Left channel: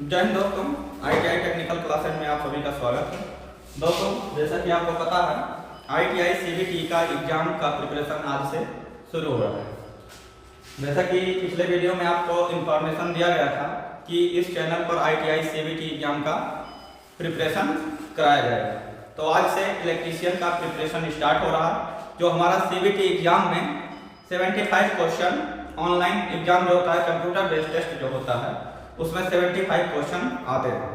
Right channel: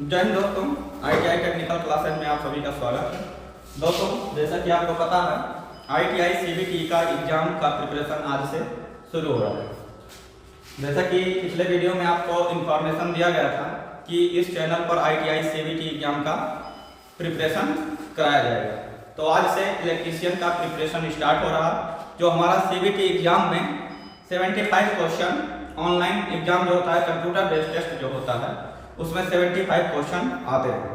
जय हिंद दोस्तों, ITI technical classes में आप सभी का स्वागत है। दोस्तों, जैसा कि आपको पता है, ITI CBT का एग्जाम का प्रिपरेशन आज से शुरू हो रहा है। जैसा कि पिछले वीडियो में आपको इन्फॉर्मेशन दिया गया था कि इस चैनल पर ITI CBT एग्जाम का प्रिपरेशन कराया जाएगा, तो आज से इलेक्ट्रीशियन का प्रिपरेशन स्टार्ट हो रहा है। जो हमारा CBT एग्जाम में 75 क्वेश्चन ऑनलाइन एग्जाम जो होता है, कंप्यूटर बेस्ड टेस्ट जो होता है, उसमें 75 क्वेश्चन आते हैं।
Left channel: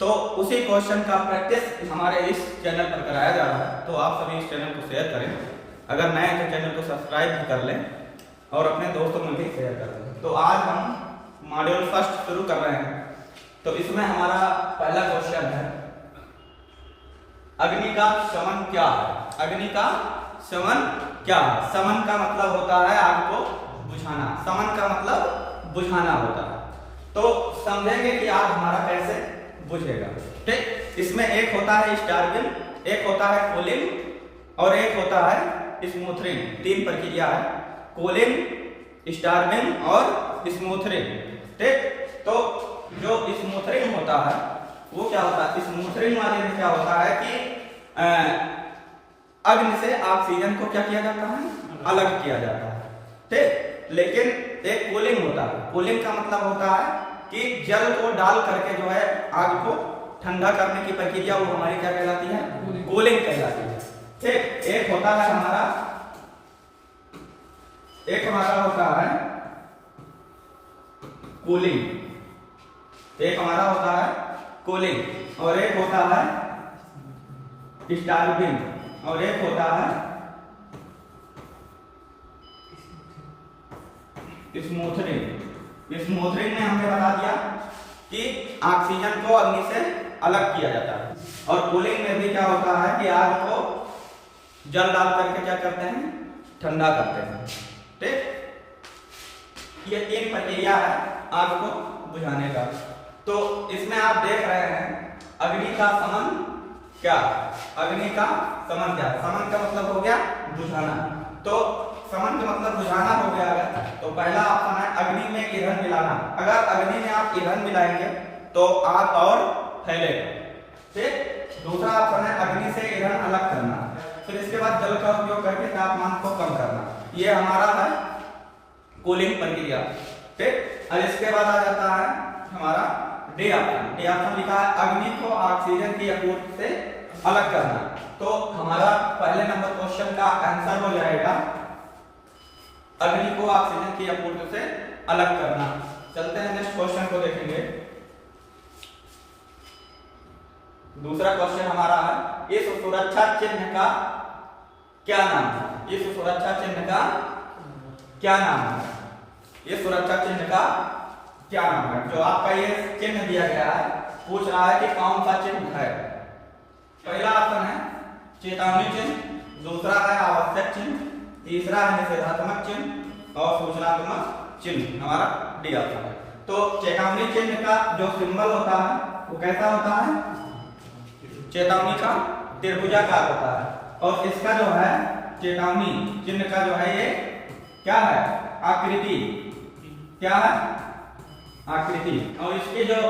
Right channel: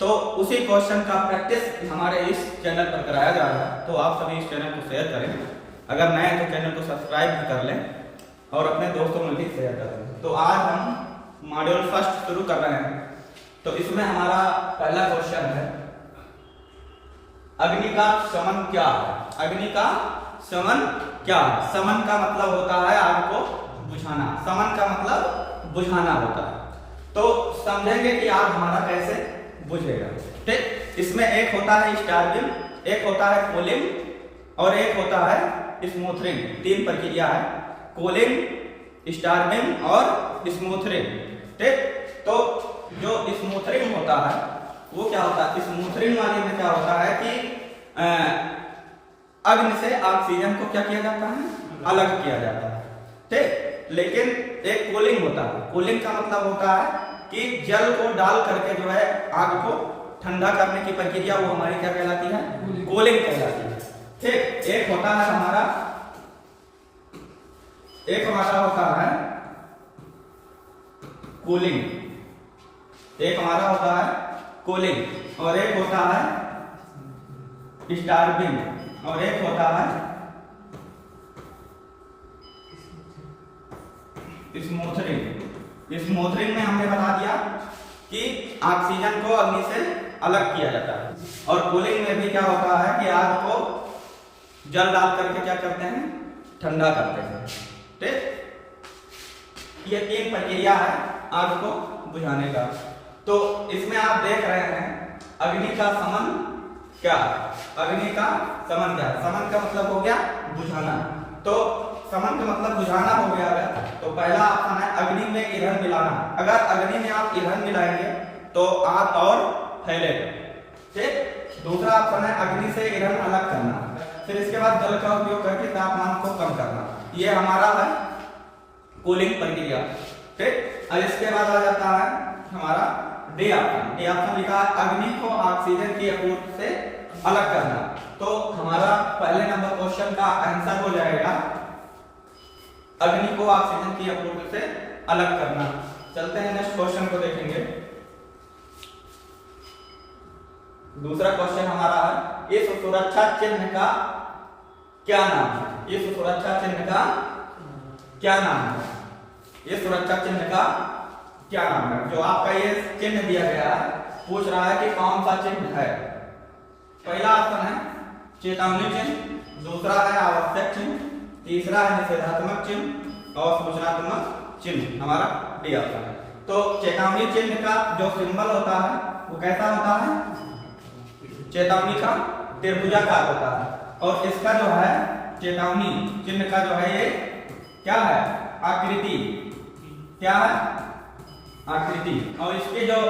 तो उसी क्वेश्चन का प्रैक्टिस हमारे इस चैनल पर कराया जा रहा है, तो आप सभी इस चैनल को शेयर करें। अगर नए हैं तो चैनल को सब्सक्राइब भी कर लें और अपने दोस्तों में भी शेयर कर लें। तो आज हम मॉड्यूल फर्स्ट शुरू कर रहे हैं। तो इसमें हमारा पहला क्वेश्चन है, अग्नि का शमन क्या है? अग्नि का शमन क्या है? शमन का मतलब होता है आग को बुझाना। शमन का मतलब बुझाना होता है। तो समझेंगे कि आग हमारा कैसे बुझेगा। ठीक, इसमें एक होता है स्टार्विंग, एक होता है कूलिंग और एक होता है स्मूथरिंग। तीन प्रक्रिया है, कूलिंग, स्टार्विंग और स्मूथरिंग। ठीक, तो जो स्मूथरिंग होता है वो क्या होता है? स्मूथरिंग वाले में क्या होता है कि अग्नि से ऑक्सीजन को क्या किया जाता है? अलग किया जाता है। ठीक, लेकिन एक कूलिंग होता है। कूलिंग का मतलब होता है कि जल को डाल करके जो है आग को ठंडा करने की प्रक्रिया, वो हमारी क्या कहलाती है? कूलिंग कहलाती है। ठीक, एक होता है हमारा होता है कूलिंग, एक हमारा होता है कूलिंग और एक होता है स्टार्विंग और एक होता है स्मूथरिंग। स्मूथरिंग में हमने बता दिया कि ऑक्सीजन को अग्नि से अलग किया जाता है। और कूलिंग में भी क्या होता है कि आग को जल डाल करके क्या करते हैं? ठंडा करते हैं। ठीक, ये तीन प्रक्रिया है आग को बुझाने का। तो इसमें आप देख रहे हैं अग्नि का शमन क्या? अग्नि का शमन क्या? शमन का मतलब हो गया बुझाना। तो शमन का मतलब बुझाना हो गया। तो पहला ऑप्शन है अग्नि में ईंधन मिलाना। अगर अग्नि में आप ईंधन मिलाएंगे तो आग और फैलेगा। ठीक, दूसरा ऑप्शन है अग्नि से ईंधन अलग करना। फिर इसके बाद जल का उपयोग करके तापमान को कम करना। ये हमारा है कूलिंग प्रक्रिया। ठीक, और इसके बाद आ जाता है हमारा डी ऑप्शन। डी ऑप्शन लिखा है अग्नि को ऑक्सीजन की आपूर्ति से अलग करना। तो हमारा पहले नंबर क्वेश्चन का आंसर हो जाएगा अग्नि को ऑक्सीजन की आपूर्ति से अलग करना। चलते हैं नेक्स्ट क्वेश्चन को देखेंगे। दूसरा क्वेश्चन हमारा है, इस सुरक्षा चिन्ह का क्या नाम है? इस सुरक्षा चिन्ह का क्या नाम है? इस सुरक्षा चिन्ह का क्या नाम है? जो आपका ये चिन्ह दिया गया है, पूछ रहा है कि कौन सा चिन्ह है। पहला ऑप्शन है चेतावनी चिन्ह, दूसरा है आवश्यक चिन्ह, तीसरा है निषेधात्मक चिन्ह और सूचनात्मक चिन्ह। हमारा डी ऑप्शन है। तो चेतावनी चिन्ह का जो सिंबल होता है वो कैसा होता है? चेतावनी का त्रिभुजाकार होता है। और इसका जो है चेतावनी चिन्ह का जो है ये क्या है? आकृति। क्या है? आकृति। और इसके जो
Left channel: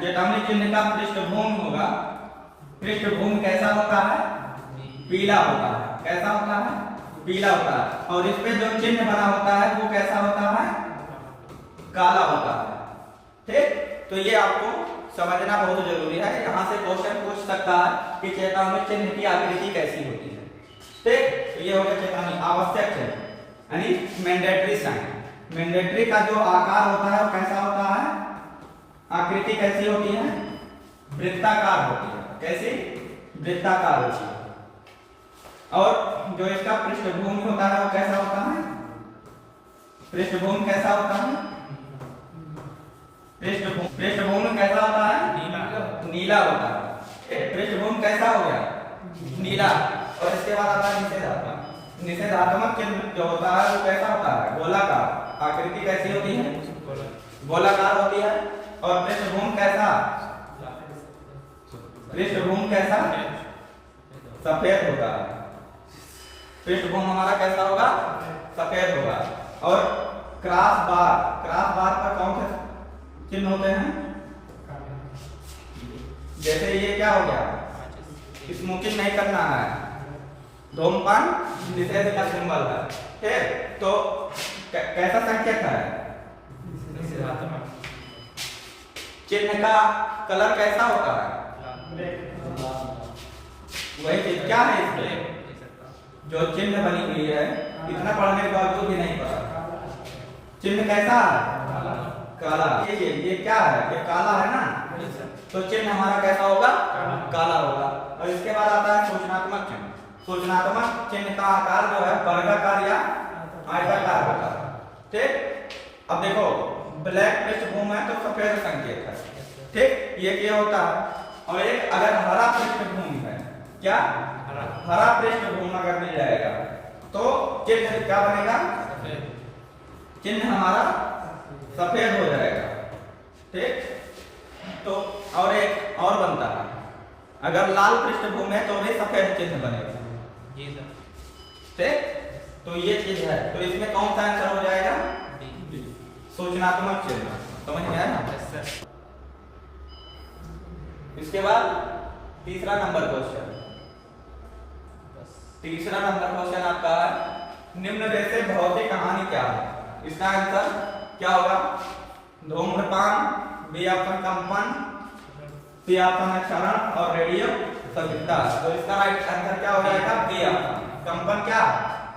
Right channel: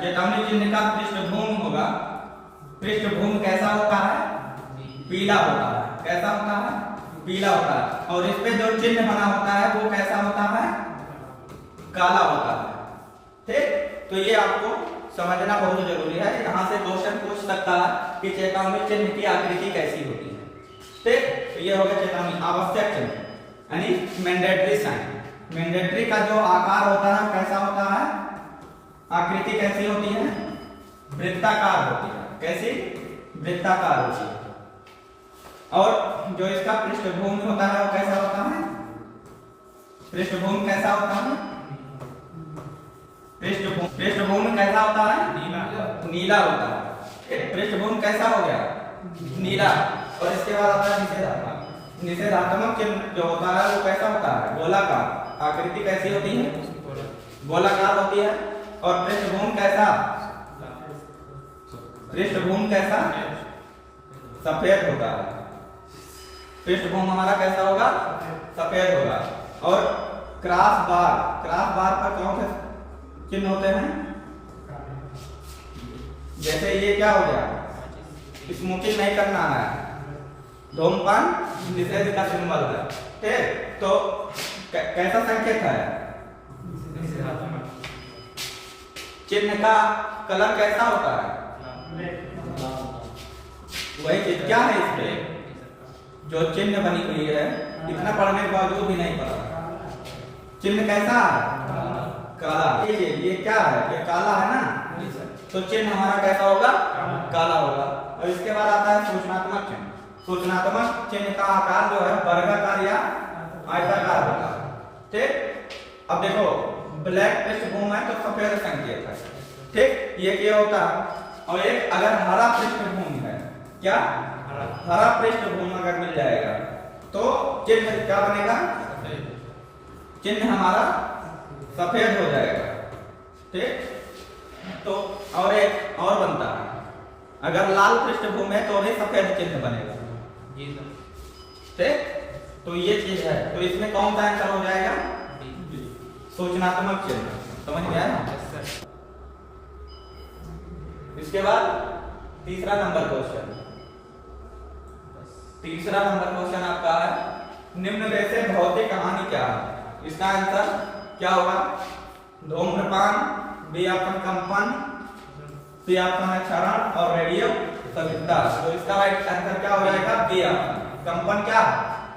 चेतावनी चिन्ह का पृष्ठभूमि होगा, पृष्ठभूमि कैसा होता है? पीला होता है। कैसा होता है? पीला होता है। और इस पे जो चिन्ह बना होता है वो कैसा होता है? काला होता है। ठीक, तो ये आपको समझना बहुत जरूरी है। यहाँ से क्वेश्चन पूछ सकता है कि चेतावनी चिन्ह की आकृति कैसी होती है। ठीक, तो ये हो गया चेतावनी। आवश्यक चिन्ह यानी मैंडेटरी साइन। मैंडेटरी का जो आकार होता है वो कैसा होता है? आकृति कैसी होती है? वृत्ताकार होती है। कैसी? वृत्ताकार होती है। और जो इसका पृष्ठभूमि होता है वो कैसा होता है? पृष्ठभूमि कैसा होता है? पृष्ठभूमि कैसा होता है? नीला होता है। पृष्ठभूमि कैसा हो गया? नीला। और इसके बाद आता है निषेधात्मक। निषेधात्मक चिन्ह जो होता है वो कैसा होता है? गोलाकार। आकृति कैसी होती है? गोलाकार होती है। और पृष्ठभूमि कैसा? पृष्ठभूमि कैसा? सफेद होता है। पृष्ठभूमि हमारा कैसा होगा? सफेद होगा। और क्रॉस बार पर कौन से चिन्ह होते हैं? जैसे ये क्या हो गया, स्मोकिंग नहीं करना है, धूम्रपान निषेध का सिंबल है। ठीक, तो कैसा संकेत है, चिन्ह का कलर कैसा होता है, वही चीज क्या है इसमें जो चिन्ह बनी हुई है, इतना पढ़ने के बावजूद भी नहीं पता, चिन्ह कैसा है, काला। ये क्या है, ये काला है ना, तो चिन्ह हमारा कैसा होगा, काला होगा। और इसके बाद आता है सूचनात्मक चिन्ह। सूचनात्मक चिन्ह का आकार जो है वर्गाकार या आयताकार होगा। ठीक, अब देखो ब्लैक पृष्ठभूमि है तो सफेद संकेत है। ठीक, ये क्या होता है। और एक अगर हरा पृष्ठभूमि है, क्या हरा पृष्ठभूमि अगर मिल जाएगा तो चिन्ह क्या बनेगा, चिन्ह हमारा सफेद हो जाएगा। ठीक, तो और एक और बनता है, अगर लाल पृष्ठभूमि है तो भी सफेद चिन्ह बनेगा। ठीक, तो ये चीज है, तो इसमें कौन सा आंसर हो जाएगा, सूचनात्मक चिन्ह। समझ में आया ना। इसके बाद तीसरा नंबर क्वेश्चन, तीसरा नंबर क्वेश्चन आपका है, निम्न में से भौतिक कहानी क्या है। इसका आंसर क्या होगा, धूम्रपान, बी ऑप्शन कंपन, सी ऑप्शन क्षरण और रेडियो संतृप्तता। तो इसका राइट आंसर क्या हो जाएगा, बी ऑप्शन कंपन। क्या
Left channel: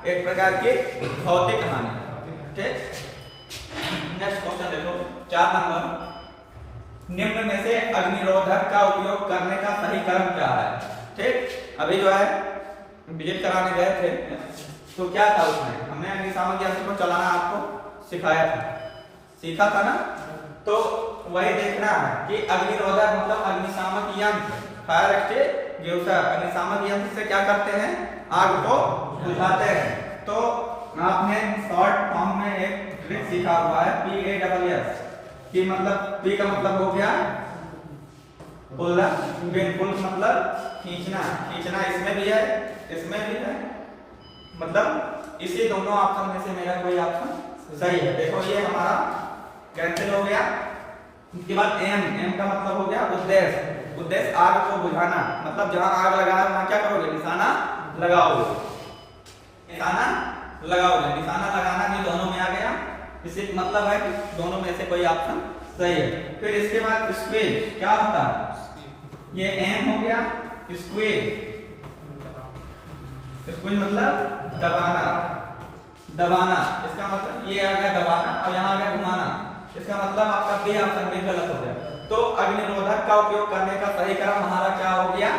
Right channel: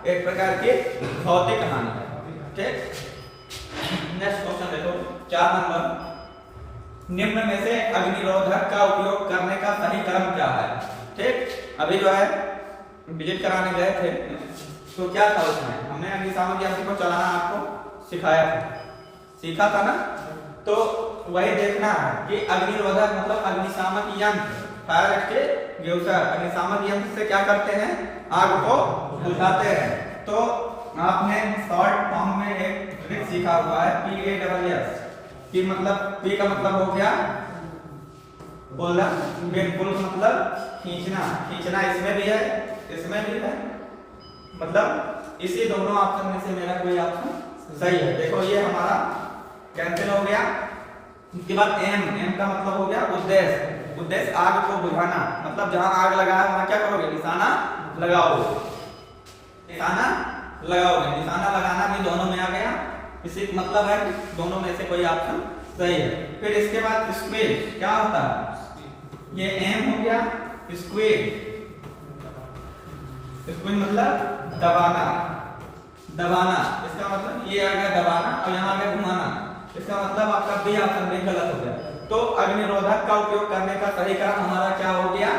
एक प्रकार की भौतिक कहानी है। ठीक, नेक्स्ट क्वेश्चन देखो 4 नंबर, निम्न में से अग्निरोधक का उपयोग करने का सही क्रम क्या है। ठीक, अभी जो है विजिट कराने गए थे तो क्या था उसमें, हमने अग्निशामक यंत्र को चलाना आपको सिखाया था, सीखा था ना। तो वही देखना है कि अग्निरोधक मतलब अग्निशामक यंत्र, फायर एक्सटिंग्विशर, अग्निशामक यंत्र से क्या करते हैं, आग को बुझाते हैं। तो आपने शॉर्ट फॉर्म में एक ट्रिक सीखा हुआ है, PASS कि मतलब P का मतलब हो गया पुल, पुल मतलब खींचना, खींचना इसमें भी है, इसमें भी है, मतलब इसी दोनों ऑप्शन में से मेरा कोई ऑप्शन सही है। देखो ये हमारा कैंसिल हो गया। इसके बाद M का मतलब हो गया उद्देश्य, उद्देश्य आग को बुझाना, मतलब जहां आग लगा है वहां क्या करोगे, निशाना लगाओगे, निशाना लगाओगे, निशाना लगाना भी दोनों में आ गया। इसी मतलब है कि दोनों में से कोई ऑप्शन सही है। फिर इसके बाद स्क्वीज क्या होता है, ये M हो गया, स्क्वीज, स्क्वीज मतलब दबाना, दबाना, इसका मतलब ये आ गया दबाना और यहाँ आ गया घुमाना, इसका मतलब आपका बी ऑप्शन भी गलत हो गया। तो अग्निरोधक का उपयोग करने का सही क्रम हमारा क्या हो गया,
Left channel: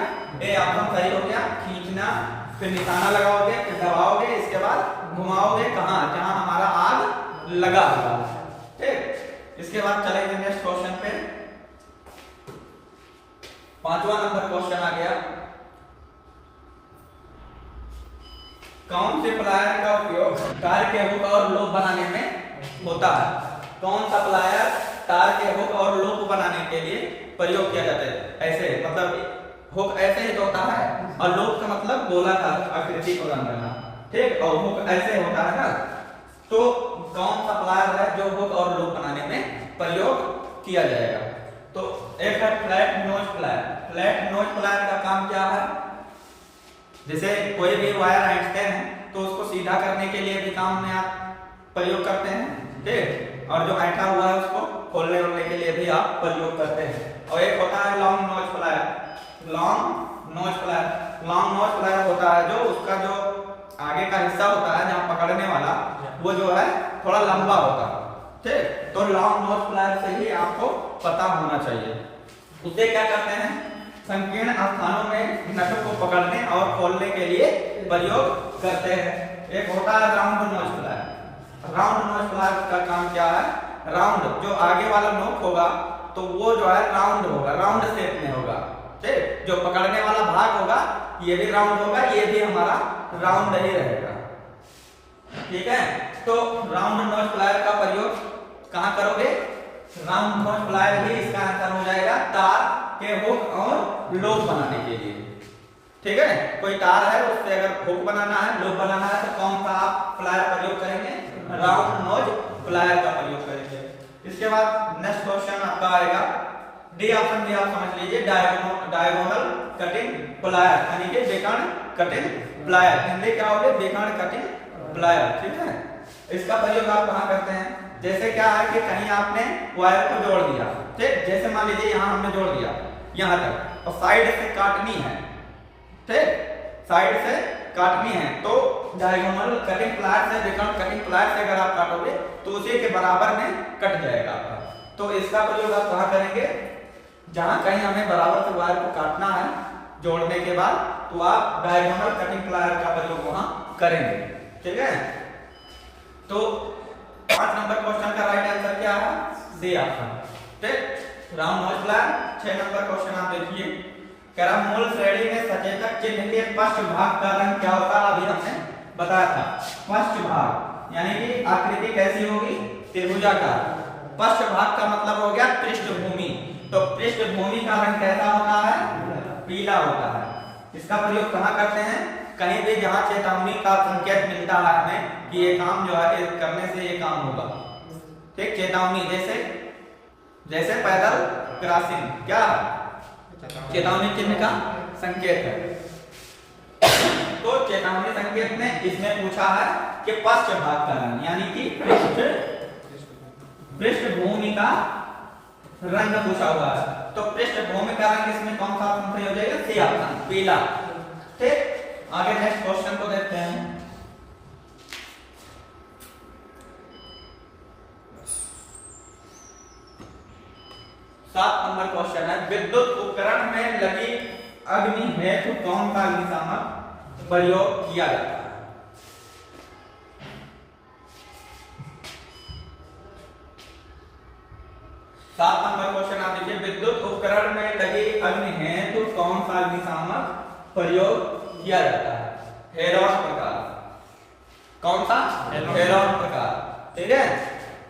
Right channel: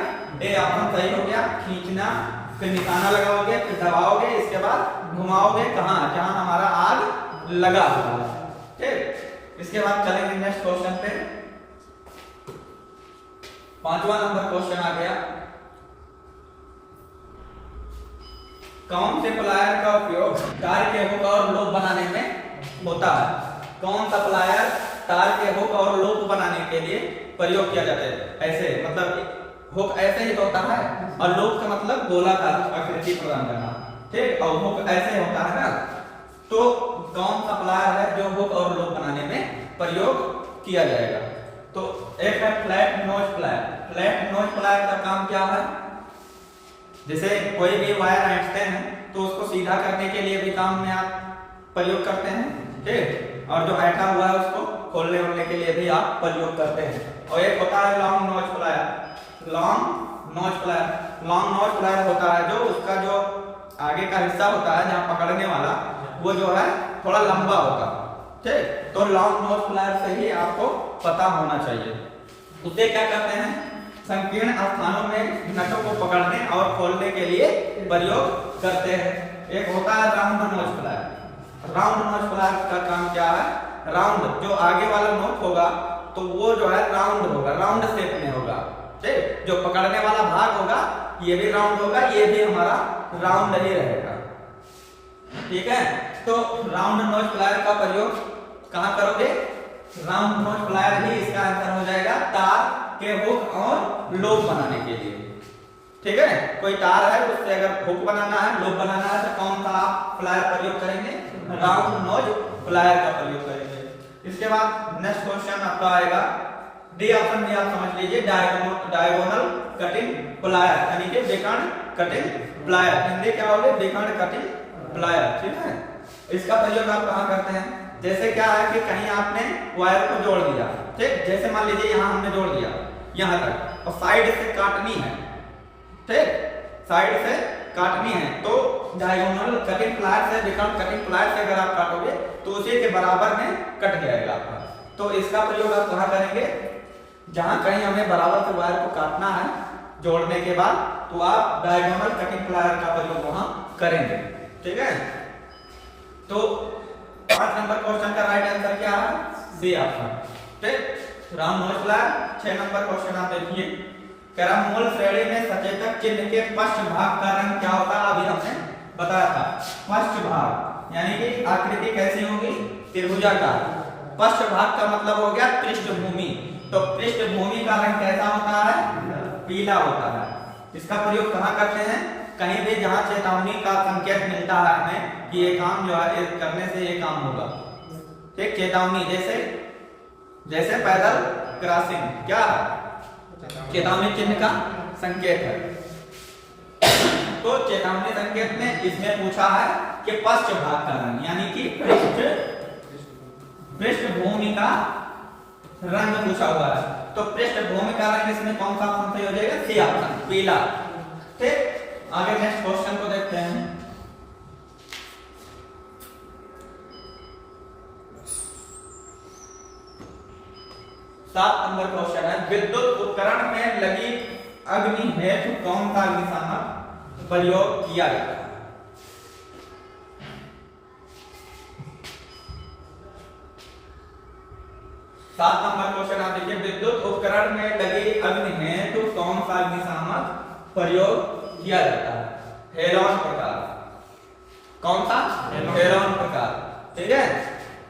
ए ऑप्शन सही हो गया, खींचना, फिर निशाना लगाओगे, फिर दबाओगे, इसके बाद घुमाओगे, कहाँ, जहां हमारा आग लगा होगा। ठीक, इसके बाद चलेंगे नेक्स्ट क्वेश्चन पे। 5वां नंबर क्वेश्चन आ गया, कौन से प्लायर का उपयोग तार के हुक और लूप बनाने में होता है। कौन सा प्लायर तार के हुक और लूप बनाने के लिए प्रयोग किया जाता है। ऐसे मतलब हुक ऐसे ही होता है और लूप का मतलब गोलाकार आकृति प्रदान करना। ठीक, और हुक ऐसे होता है ना, तो कौन सा प्लायर है जो हुक और लूप बनाने में प्रयोग किया जाएगा। तो एक है flat knows plier. Flat knows plier का काम क्या है, जैसे कोई भी वायर ऐंठते हैं तो उसको सीधा करने के लिए भी काम में आप प्रयोग करते हैं। ठीक, और जो ऐंठा हुआ है उसको खोलने वोलने के लिए भी आप प्रयोग करते हैं। और एक होता है long nose plier. Long nose plier, long nose plier होता है जो उसका जो आगे का हिस्सा होता है जहां पकड़ने वाला, वो जो है थोड़ा लंबा होगा। ठीक, तो लॉन्ग नोज प्लायर से ही आपको पता होना चाहिए। उससे क्या करते हैं, संकीर्ण स्थानों में नटों को पकड़ने और खोलने के लिए प्रयोग करते हैं। एक होता है round nose plier. Round nose plier का काम क्या है, राउंड जो आगे वाला नोक होगा तो वो जो है राउंड होगा, राउंड शेप में होगा। ठीक, जो पकड़ने वाला भाग होगा ये भी राउंड होगा, ये भी हमारा राउंड ही रहेगा। ठीक है, तो राउंड नोज प्लायर का प्रयोग कहां करोगे, राउंड नोज प्लायर ही इसका आंसर हो जाएगा, तार के हुक और लूप बनाने के लिए। ठीक है, कोई तार है उससे अगर हुक बनाना है, लूप बनाना है तो कौन सा आप प्लायर प्रयोग करेंगे, राउंड नोज प्लायर का प्रयोग करेंगे। इसके बाद नेक्स्ट क्वेश्चन आपका आएगा, डी ऑप्शन भी आप समझ लीजिए, डायगोनल कटिंग प्लायर यानी कि बेकन कटिंग प्लायर। हिंदी क्या होगी? Bacon cutting plier. ठीक है, इसका प्रयोग आप कहाँ करते हैं? जैसे क्या है कि कहीं आपने वायर को जोड़ दिया, ठीक, जैसे मान लीजिए यहाँ हमने जोड़ दिया यहाँ तक और साइड से काटनी है, ठीक, साइड से काटनी है तो डायगोनल कटिंग प्लायर से, बेकन कटिंग प्लायर से अगर आप काटोगे तो उसी के बराबर में कट जाएगा आपका। तो इसका प्रयोग आप कहाँ करेंगे? जहां कहीं हमें बराबर से वायर को काटना है जोड़ने के बाद, तो आप डायगोनल कटिंग प्लायर का प्रयोग वहां करेंगे। ठीक है, तो 5 नंबर क्वेश्चन का राइट आंसर क्या है? C option. ठीक, राउंड नोज प्लायर। 6 नंबर क्वेश्चन आप देखिए, करम मूल श्रेणी में सचेतक चिन्ह के पश्च भाग का रंग क्या होता है? अभी हमने बताया था, पश्च भाग यानी कि आकृति कैसी होगी? त्रिभुजाकार। पश्च भाग का मतलब हो गया पृष्ठभूमि, तो पृष्ठभूमि का रंग कैसा होता है? पीला होता है। इसका प्रयोग कहाँ करते हैं? कहीं भी जहां चेतावनी का संकेत मिलता है हमें कि ये काम जो है करने से ये काम होगा, ठीक, चेतावनी, जैसे पैदल क्रॉसिंग क्या है? चेतावनी चिन्ह का संकेत है। तो चेतावनी संकेत में इसमें पूछा है कि पश्च भाग का रंग यानी कि पृष्ठभूमि का रंग पूछा हुआ है, तो पृष्ठभूमि का रंग इसमें कौन सा ऑप्शन सही हो जाएगा? सी ऑप्शन, पीला। ठीक, आगे नेक्स्ट क्वेश्चन को देखते हैं। सात नंबर क्वेश्चन है, विद्युत उपकरण में लगी अग्नि हेतु कौन सा अग्निशामक प्रयोग किया जाता है? 7 नंबर क्वेश्चन आप देखिए, विद्युत उपकरण में लगी अग्नि हेतु कौन सा अग्निशामक प्रयोग किया जाता है? हेलोजन प्रकार। कौन सा? हेलोजन प्रकार। ठीक है,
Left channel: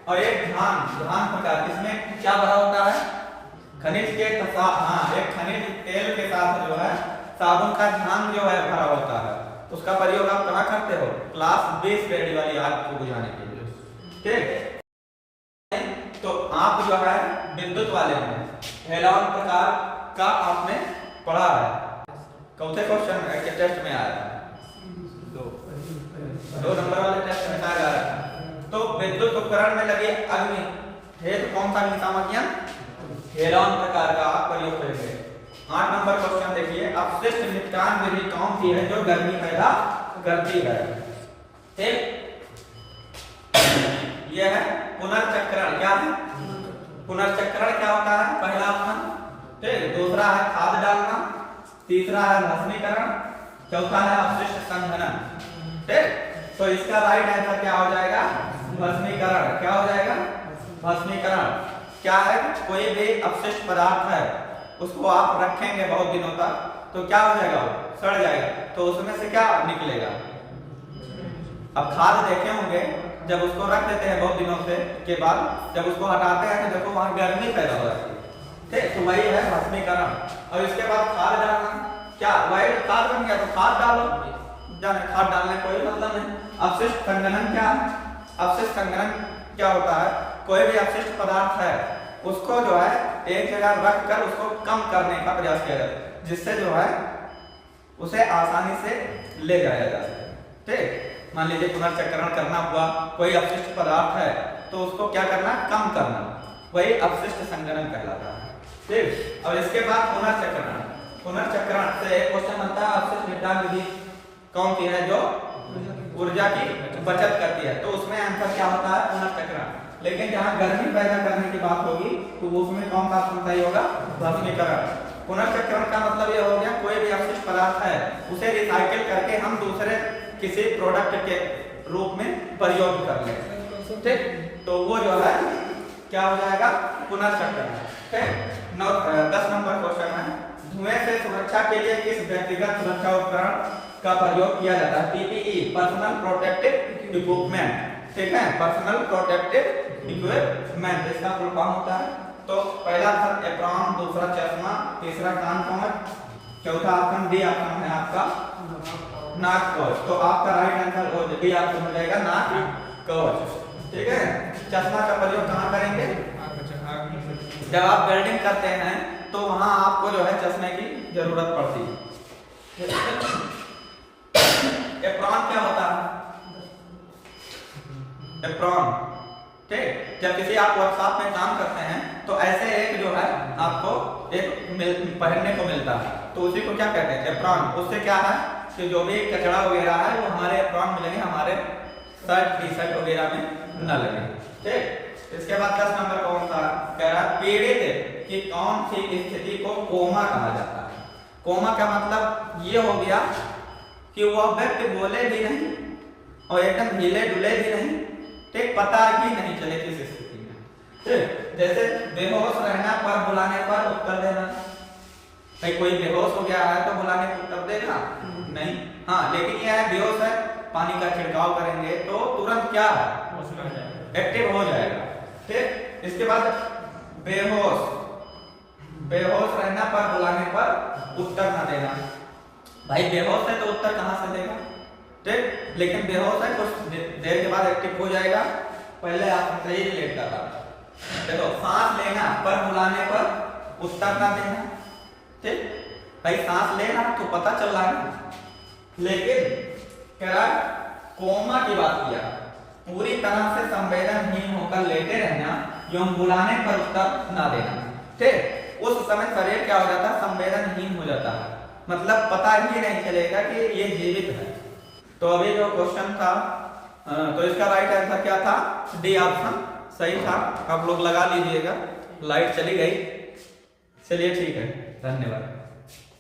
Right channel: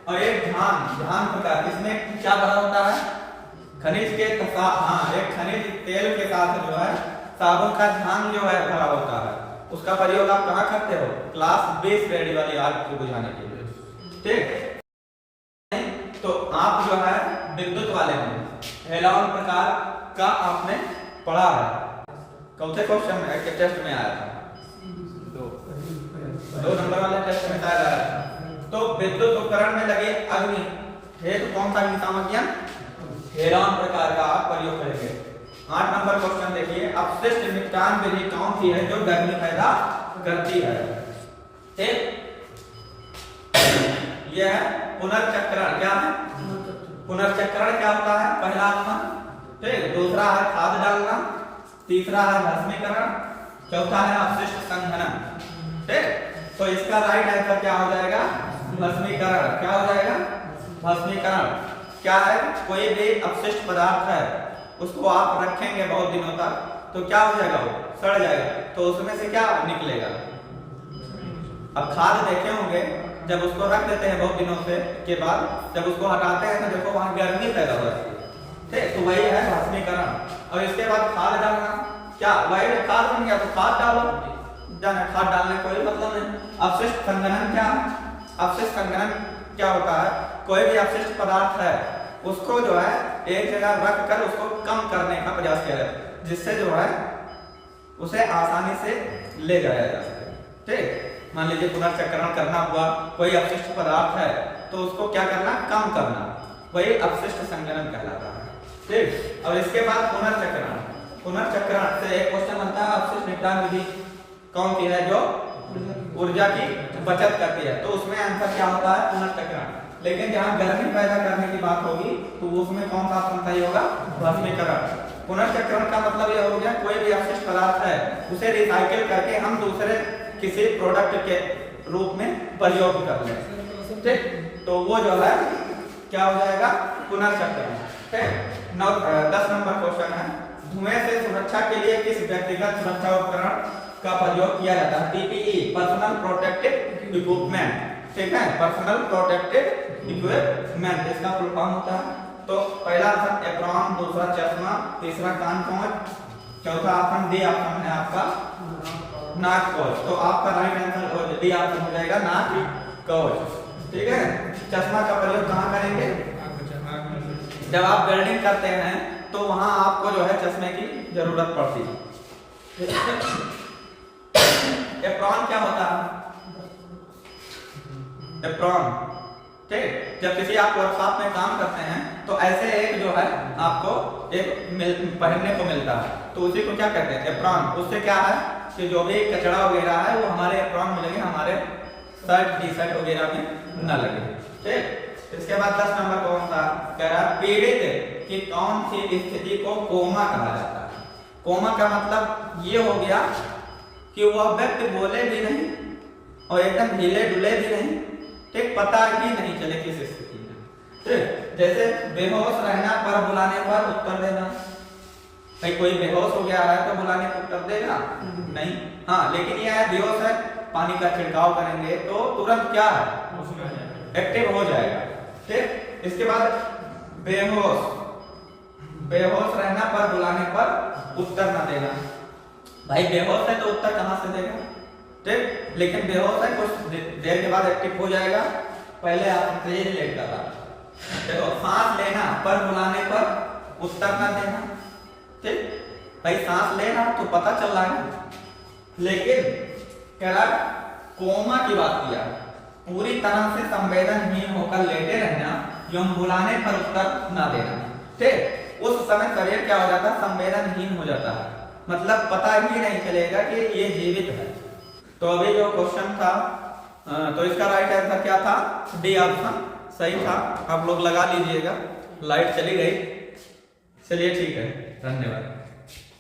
और एक ध्यान प्रकार, इसमें क्या भरा होता है? खनिज के एक खनिज तेल के साथ जो है साबुन का ध्यान जो है भरा होता है, उसका प्रयोग आप कहाँ करते हो? क्लास 20 श्रेणी वाली आग को बुझाने के लिए। ठीक, तो आप जो है विद्युत वाले में हेलोजन प्रकार का आपने पढ़ा है, कौन से क्वेश्चन में के टेस्ट में आया था? 2 नंबर वाले टेस्ट में आया था। तो विद्युत उपकरण में लगे अग्नि हेतु कौन सा अग्निशामक हेलोजन प्रकार का आप प्रयोग करेंगे। 8 नंबर क्वेश्चन देखिए, अपशिष्ट निपटान विधि कौन सी है जो गर्मी पैदा करती है? ठीक, यह है पुनर्चक्रण। क्या है पुनर्चक्रण? क्या होता है? पहला ऑप्शन, ठीक, दूसरा है खाद डालना, तीसरा है भस्मीकरण, चौथा है अपशिष्ट संघनन। ठीक, तो इसका राइट आंसर क्या हो जाएगा? भस्मीकरण। क्या हो जाएगा? भस्मीकरण। क्या है? कोई भी अपशिष्ट पदार्थ है उसको आप रखेंगे बहुत दिनों तक तो क्या हो जाएगा? वो सड़ जाएगा, तो उसमें से क्या निकलेगा? अब खाद देखे होंगे, जब उसको रख देते हैं बहुत दिनों से के बाद जब उसको हटाते हैं तो देखो वहां गर्मी पैदा हो जाती है। ठीक, तो वही है भस्मीकरण। और इसके बाद खाद डालना, क्या वही खाद बन गया? तो खाद डालो, जाने खाद डालने कोई मतलब नहीं। अपशिष्ट संघनन क्या है? अपशिष्ट संघनन क्या होता है? कोई भी अपशिष्ट पदार्थ है उसको जो है एक जगह रख कर उसको कम करने का प्रयास किया जाता है, जिससे जो है उसे आसानी से ले जाया जा सके। ठीक, मान लीजिए पुनर्चक्रण करना हुआ, कोई अपशिष्ट पदार्थ है तो उसको क्या करना? कम करना, वही अपशिष्ट संघनन कहलाता है। ठीक, और इसके बाद पुनर्चक्रण। पुनर्चक्रण से एक क्वेश्चन बनता है, अपशिष्ट निपटान विधि कौन सी है जो ऊर्जा की बचत करती है? तो उसमें आंसर क्या होता है? पुनर्चक्रण। लेकिन जहां गर्मी पैदा करने की बात होगी तो उसमें कौन सा ऑप्शन सही होगा? भस्मीकरण। पुनर्चक्रण का मतलब यह हो गया कोई भी अपशिष्ट पदार्थ है उसे रिसाइकिल करके हम दूसरे किसी प्रोडक्ट के रूप में प्रयोग कर लें। ठीक, तो वो जो है क्या हो जाएगा? पुनर्चक्रण। ठीक, 10 नंबर क्वेश्चन है, धुएं से सुरक्षा के लिए किस व्यक्तिगत सुरक्षा उपकरण का प्रयोग किया जाता है? PPE, personal protective equipment. ठीक है, पर्सनल प्रोटेक्टिव इक्विपमेंट, इसका फुल फॉर्म होता है। तो पहला ऑप्शन एप्रॉन, दूसरा चश्मा, तीसरा कान कवच, चौथा ऑप्शन डी ऑप्शन है आपका नाक कवच। तो आपका राइट आंसर डी ऑप्शन हो जाएगा नाक कवच। ठीक है, चश्मा का प्रयोग कहाँ करेंगे? जब आप वेल्डिंग करते हैं तो वहां आपको जो है चश्मे की जरूरत पड़ती है। एप्रॉन क्या होता है? एप्रॉन, ठीक। जब किसी आप वर्कशॉप में काम करते हैं तो ऐसे एक जो है आपको एक पहनने को मिलता है, तो उसी को क्या कहते हैं? एप्रॉन। उससे क्या है कि जो भी कचरा वगैरह है वो हमारे एप्रॉन मिलेंगे, हमारे शर्ट टी शर्ट वगैरह में न लगे, ठीक। इसके बाद 10 नंबर कौन सा कह रहा है? पीड़ित की कौन सी स्थिति को कोमा कहा जाता है? कोमा का मतलब ये हो गया कि वह व्यक्ति बोले भी नहीं और एकदम हिले डुले भी नहीं, ठीक, पता ही नहीं चले किस स्थिति में, ठीक। जैसे बेहोश रहना पर बुलाने पर उत्तर देना। भाई कोई बेहोश हो गया है तो बुलाने पर उत्तर देगा नहीं, हाँ, लेकिन यह है बेहोश है, पानी का छिड़काव करेंगे तो तुरंत क्या है? एक्टिव हो जाएगा, ठीक। इसके बाद बेहोश, बेहोश रहना पर बुलाने पर उत्तर न देना। भाई बेहोश है तो उत्तर कहां से देगा, ठीक। लेकिन बेहोश है, कुछ देर के बाद एक्टिव हो जाएगा, पहले आप सही रिलेट कर रहा। देखो, सांस लेना पर बुलाने पर उत्तर न देना, ठीक। भाई सांस लेना तो पता चल रहा है, लेकिन कह रहा कोमा की बात किया, पूरी तरह से संवेदनहीन होकर लेटे रहना एवं बुलाने पर उत्तर ना देना, ठीक। उस समय शरीर क्या हो जाता है? संवेदनहीन हो जाता है, मतलब पता ही नहीं चलेगा कि ये जीवित है। तो अभी जो क्वेश्चन था तो इसका राइट आंसर क्या था? डी ऑप्शन सही था। आप लोग लगा लीजिएगा। लाइट चली गई, चलिए ठीक है, धन्यवाद।